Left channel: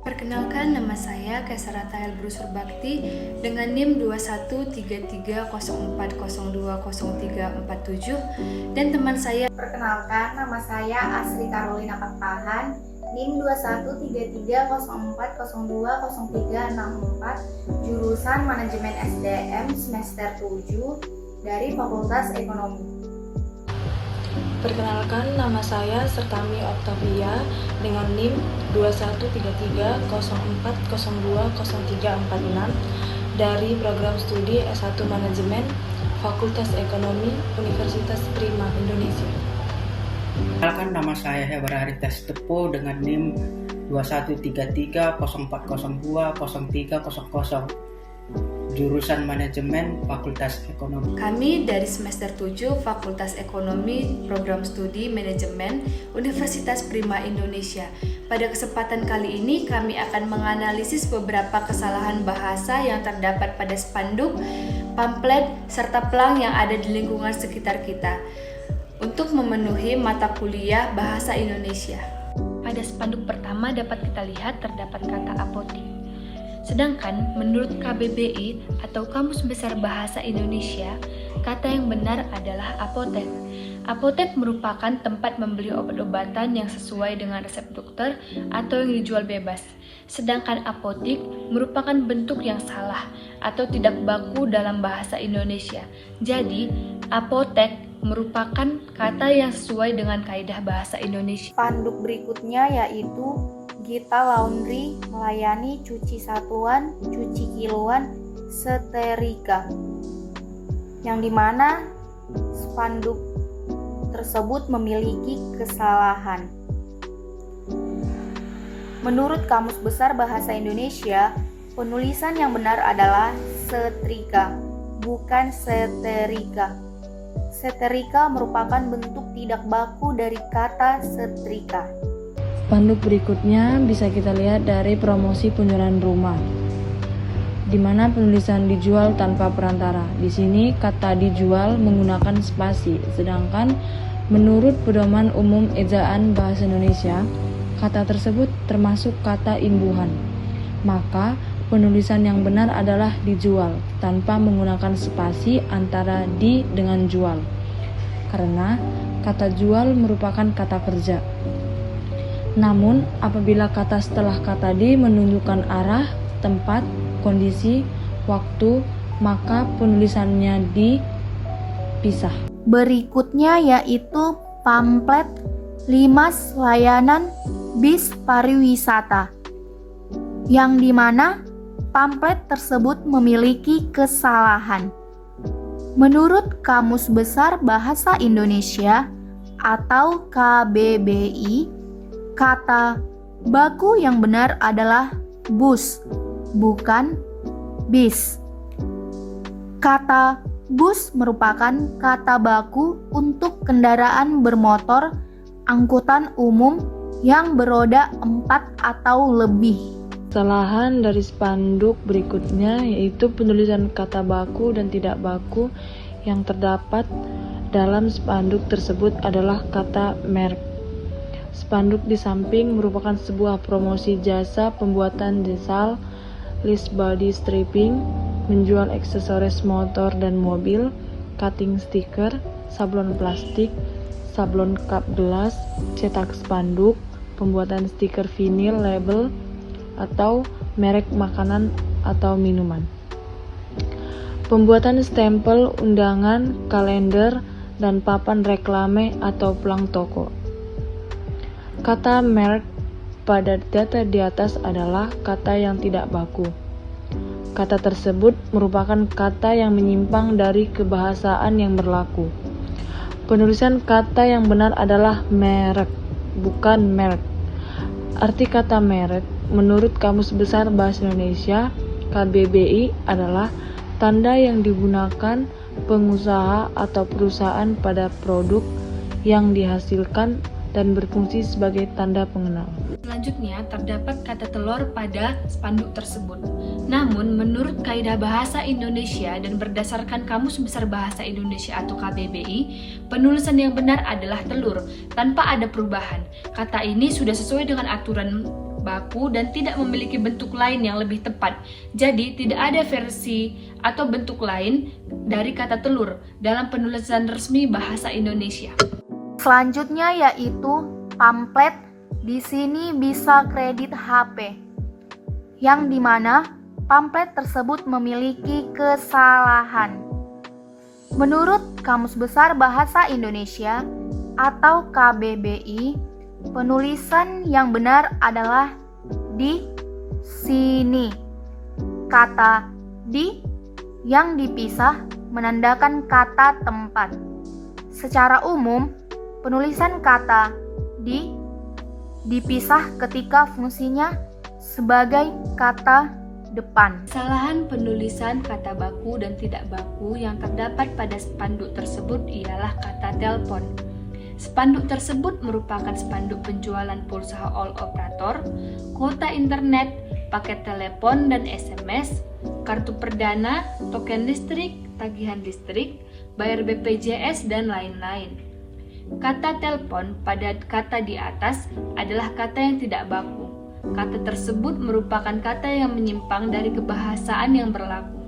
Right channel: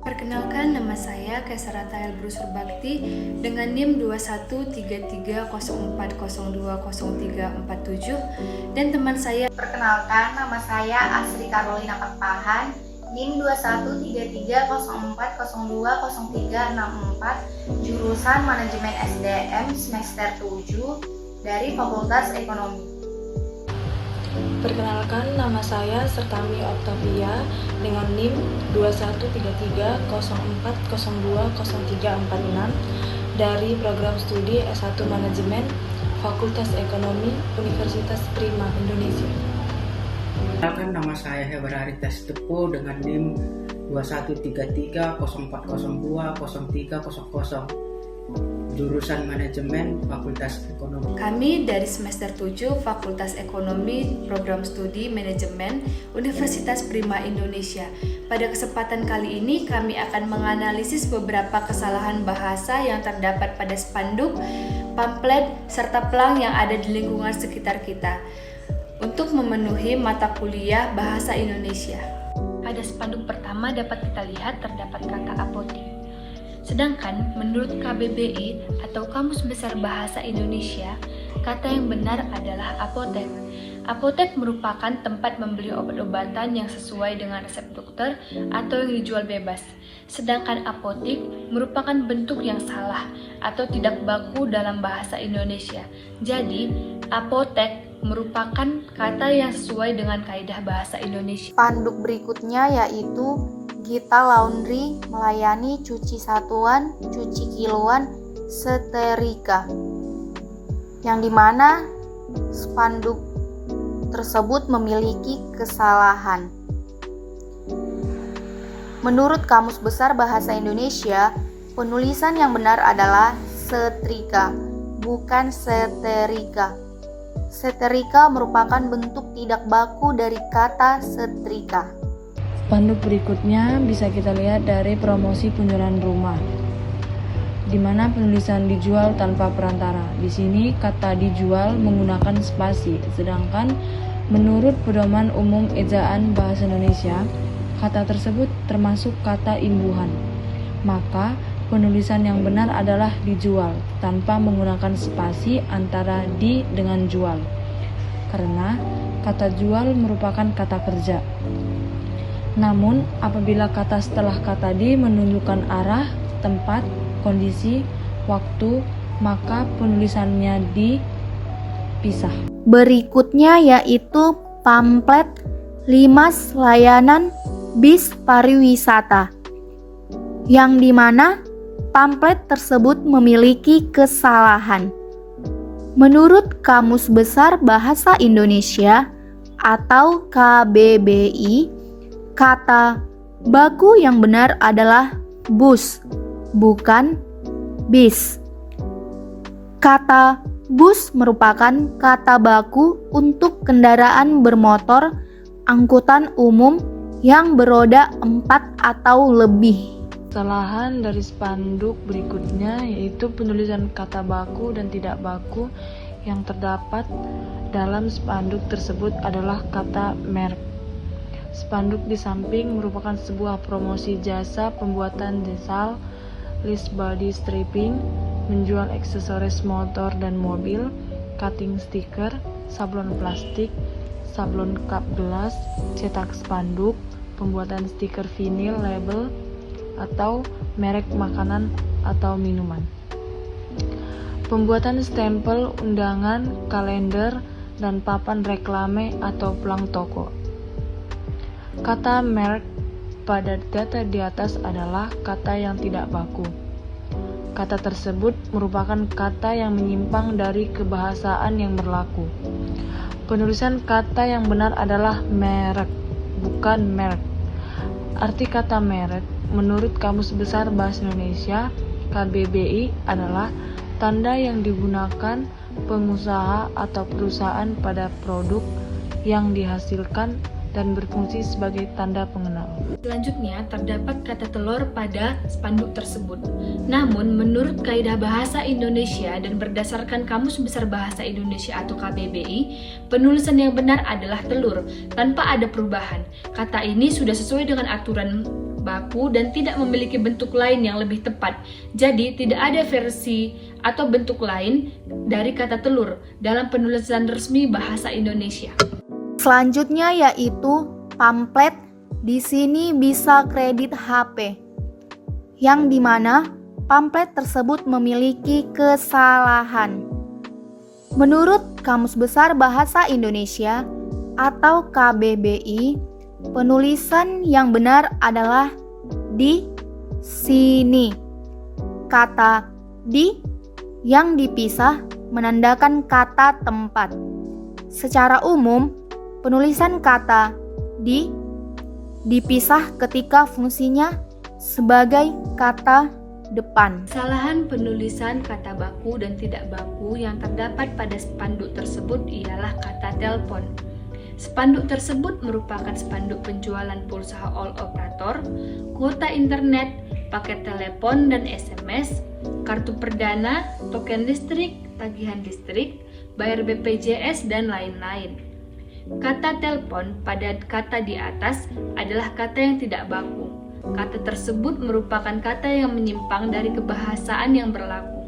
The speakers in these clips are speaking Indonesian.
Perkenalkan, nama saya Kesarata Elbrus Surbakti dengan NIM 213304020347 dan teman saya. Perkenalkan, nama saya Asri Carolina Pakpahan, NIM 213304020364, jurusan Manajemen SDM semester 7 dari Fakultas Ekonomi. Perkenalkan, nama saya Sertami Octavia dengan NIM 213304020346 dari program studi S1 Manajemen Fakultas Ekonomi Universitas Prima Indonesia. Perkenalkan, nama saya Hebar Haritas Tepo dengan NIM 213304020300, jurusan Manajemen Fakultas Ekonomi. Kami dari semester 7 Fakultas Ekonomi Program Studi Manajemen Universitas Prima Indonesia. Pada kesempatan kali ini kami akan menganalisis beberapa kesalahan bahasa yang terdapat pada spanduk, pamflet, serta pelang yang ada di lingkungan sekitar kita untuk memenuhi mata kuliah Bahasa Indonesia. Pada spanduk pertama dapat kita lihat terdapat kata apotik. Sedangkan menurut KBBI atau Kamus Besar Bahasa Indonesia, kata yang benar adalah apotek. Apotek merupakan tempat membeli obat-obatan yang sesuai dengan resep dokter atau yang dijual bebas. Sedangkan apotik merupakan bentuk yang salah atau tidak baku dalam bahasa Indonesia. Jadi, apotek merupakan kata yang sesuai dengan kaidah bahasa Indonesia. Spanduk berikutnya yaitu Gita Laundry melayani cuci satuan, cuci kiloan, seterika. Yang dimana spanduk tersebut memiliki kesalahan. Menurut Kamus Besar Bahasa Indonesia, penulisan yang benar adalah setrika, bukan seterika. Seterika merupakan bentuk tidak baku dari kata setrika. Spanduk berikutnya bisa kita lihat dari promosi penjualan rumah, di mana penulisan dijual tanpa perantara. Di sini kata dijual menggunakan spasi, sedangkan menurut Pedoman Umum Ejaan Bahasa Indonesia, kata tersebut termasuk kata imbuhan. Maka penulisan yang benar adalah dijual tanpa menggunakan spasi antara di dengan jual, karena kata jual merupakan kata kerja. Namun, apabila kata setelah kata di menunjukkan arah, tempat, kondisi, waktu, maka penulisannya dipisah. Berikutnya yaitu pamflet Limas Layanan Bis Pariwisata, yang dimana pamflet tersebut memiliki kesalahan. Menurut Kamus Besar Bahasa Indonesia atau KBBI, kata baku yang benar adalah bus, bukan bis. Kata bus merupakan kata baku untuk kendaraan bermotor angkutan umum yang beroda 4 atau lebih. Kesalahan dari spanduk berikutnya yaitu penulisan kata baku dan tidak baku yang terdapat dalam spanduk tersebut adalah kata merek. Spanduk di samping merupakan sebuah promosi jasa pembuatan desal, list body stripping, menjual aksesoris motor dan mobil, cutting stiker, sablon plastik, sablon cup gelas, cetak spanduk, pembuatan stiker vinil label, atau merek makanan atau minuman. Pembuatan stempel, undangan, kalender, dan papan reklame atau pelang toko. Kata merek pada data di atas adalah kata yang tidak baku. Kata tersebut merupakan kata yang menyimpang dari kebahasaan yang berlaku. Penulisan kata yang benar adalah merek, bukan merek. Arti kata merek menurut Kamus Besar Bahasa Indonesia KBBI adalah tanda yang digunakan pengusaha atau perusahaan pada produk yang dihasilkan dan berfungsi sebagai tanda pengenal. Selanjutnya terdapat kata telur pada spanduk tersebut. Namun menurut Kaidah Bahasa Indonesia dan berdasarkan Kamus Besar Bahasa Indonesia atau KBBI, penulisan yang benar adalah telur tanpa ada perubahan. Kata ini sudah sesuai dengan aturan baku, dan tidak memiliki bentuk lain yang lebih tepat. Jadi, tidak ada versi atau bentuk lain dari kata telur dalam penulisan resmi bahasa Indonesia. Selanjutnya yaitu pamflet. Di sini bisa kredit HP, yang dimana pamflet tersebut memiliki kesalahan. Menurut Kamus Besar Bahasa Indonesia atau KBBI, penulisan yang benar adalah di sini. Kata di yang dipisah menandakan kata tempat. Secara umum, penulisan kata di dipisah ketika fungsinya sebagai kata depan. Kesalahan penulisan kata baku dan tidak baku yang terdapat pada spanduk tersebut ialah kata telepon. Spanduk tersebut merupakan spanduk penjualan pulsa all operator, kuota internet, paket telepon dan SMS, kartu perdana, token listrik, tagihan listrik, bayar BPJS, dan lain-lain. Kata telepon pada kata di atas adalah kata yang tidak baku. Kata tersebut merupakan kata yang menyimpang dari kebahasaan yang berlaku,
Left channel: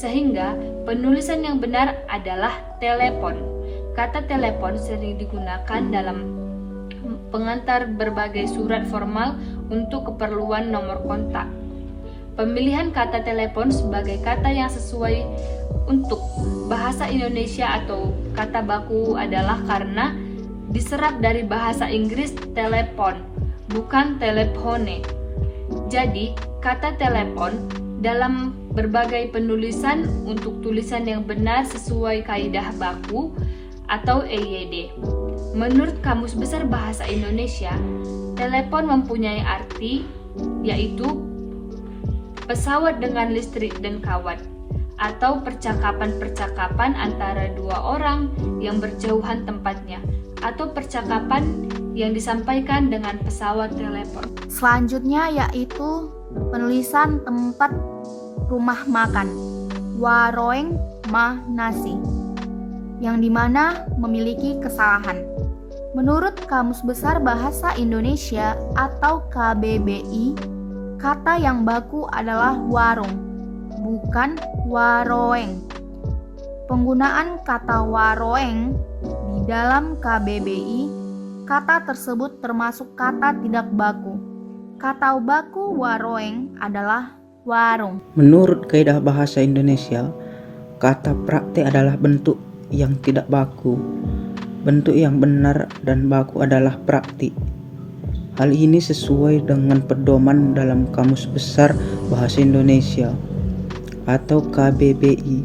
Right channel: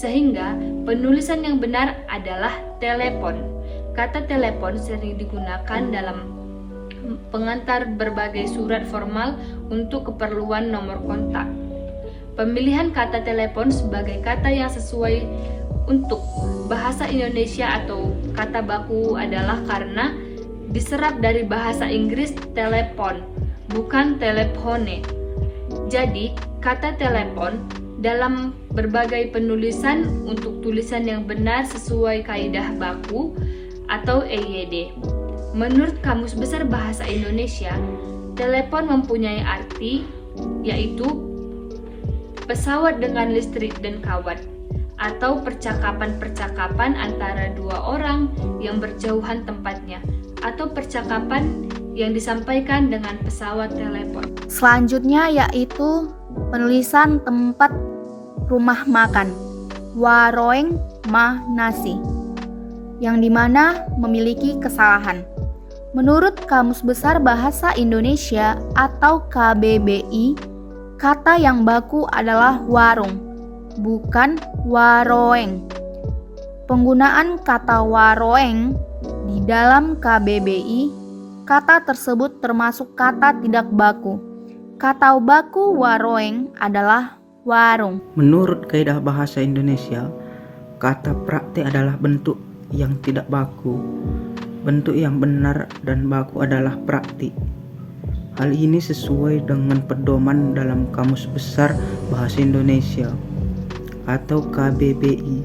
sehingga penulisan yang benar adalah telepon. Kata telepon sering digunakan dalam pengantar berbagai surat formal untuk keperluan nomor kontak. Pemilihan kata telepon sebagai kata yang sesuai untuk bahasa Indonesia atau kata baku adalah karena diserap dari bahasa Inggris telepon, bukan telepone. Jadi, kata telepon dalam berbagai penulisan untuk tulisan yang benar sesuai kaidah baku atau EYD. Menurut Kamus Besar Bahasa Indonesia, telepon mempunyai arti yaitu pesawat dengan listrik dan kawat, atau percakapan-percakapan antara dua orang yang berjauhan tempatnya, atau percakapan yang disampaikan dengan pesawat telepon. Selanjutnya yaitu penulisan tempat rumah makan, warung mah nasi, yang dimana memiliki kesalahan. Menurut Kamus Besar Bahasa Indonesia atau KBBI, kata yang baku adalah warung, bukan waroeng. Penggunaan kata waroeng di dalam KBBI, kata tersebut termasuk kata tidak baku. Kata baku waroeng adalah warung. Menurut kaidah bahasa Indonesia, kata praktek adalah bentuk yang tidak baku. Bentuk yang benar dan baku adalah praktik. Hal ini sesuai dengan pedoman dalam Kamus Besar Bahasa Indonesia atau KBBI,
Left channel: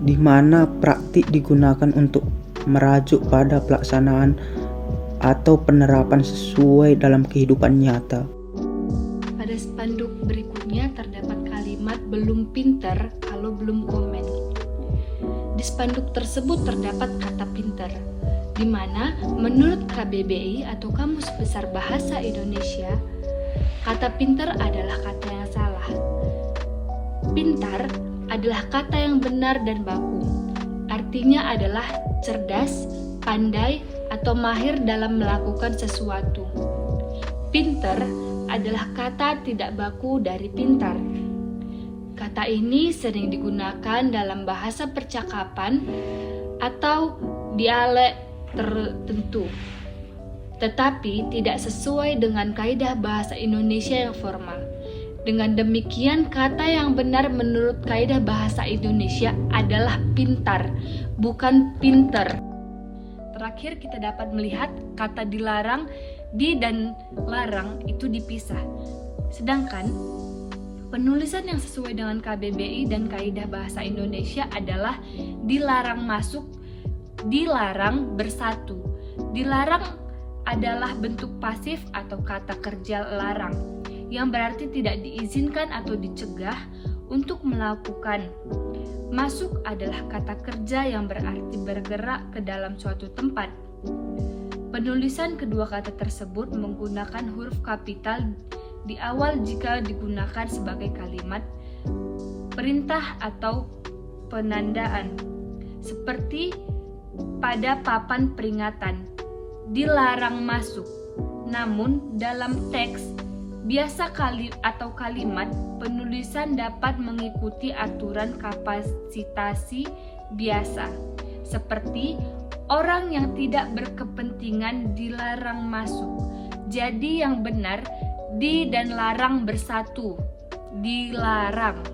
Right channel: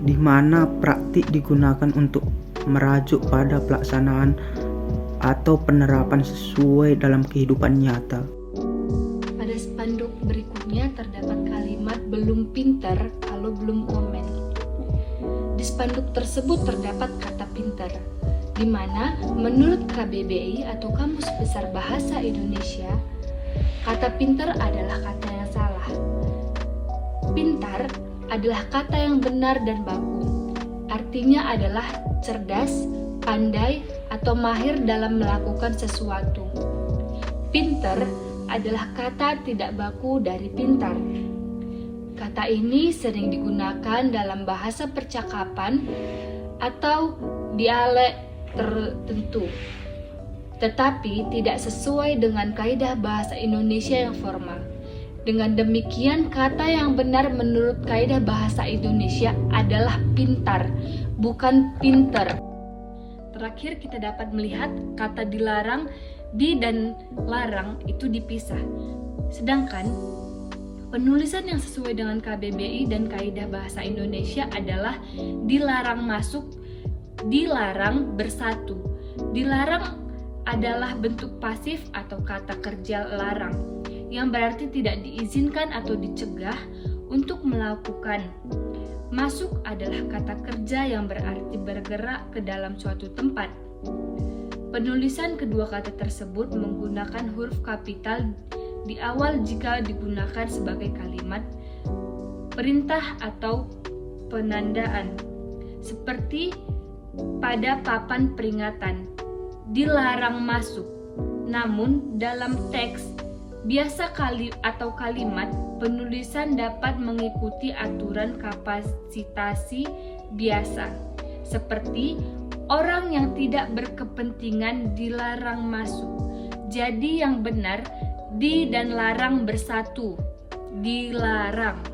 di mana praktik digunakan untuk merajuk pada pelaksanaan atau penerapan sesuai dalam kehidupan nyata. Pada spanduk berikutnya terdapat kalimat belum pintar kalau belum komen. Di spanduk tersebut terdapat kata pintar, di mana menurut KBBI atau Kamus Besar Bahasa Indonesia, kata pintar adalah kata yang salah. Pintar adalah kata yang benar dan baku. Artinya adalah cerdas, pandai, atau mahir dalam melakukan sesuatu. Pintar adalah kata tidak baku dari pintar. Kata ini sering digunakan dalam bahasa percakapan atau dialek tertentu, tetapi tidak sesuai dengan kaidah bahasa Indonesia yang formal. Dengan demikian, kata yang benar menurut kaidah bahasa Indonesia adalah pintar, bukan pinter. Terakhir, kita dapat melihat kata dilarang, di dan larang itu dipisah. Sedangkan penulisan yang sesuai dengan KBBI dan kaidah bahasa Indonesia adalah dilarang masuk, dilarang bersatu. Dilarang adalah bentuk pasif atau kata kerja larang, yang berarti tidak diizinkan atau dicegah untuk melakukan. Masuk adalah kata kerja yang berarti bergerak ke dalam suatu tempat. Penulisan kedua kata tersebut menggunakan huruf kapital di awal jika digunakan sebagai kalimat perintah atau penandaan, seperti pada papan peringatan dilarang masuk. Namun dalam teks Biasa atau kalimat penulisan dapat mengikuti aturan kapasitasi biasa, seperti orang yang tidak berkepentingan dilarang masuk. Jadi yang benar, di dan larang bersatu. Dilarang.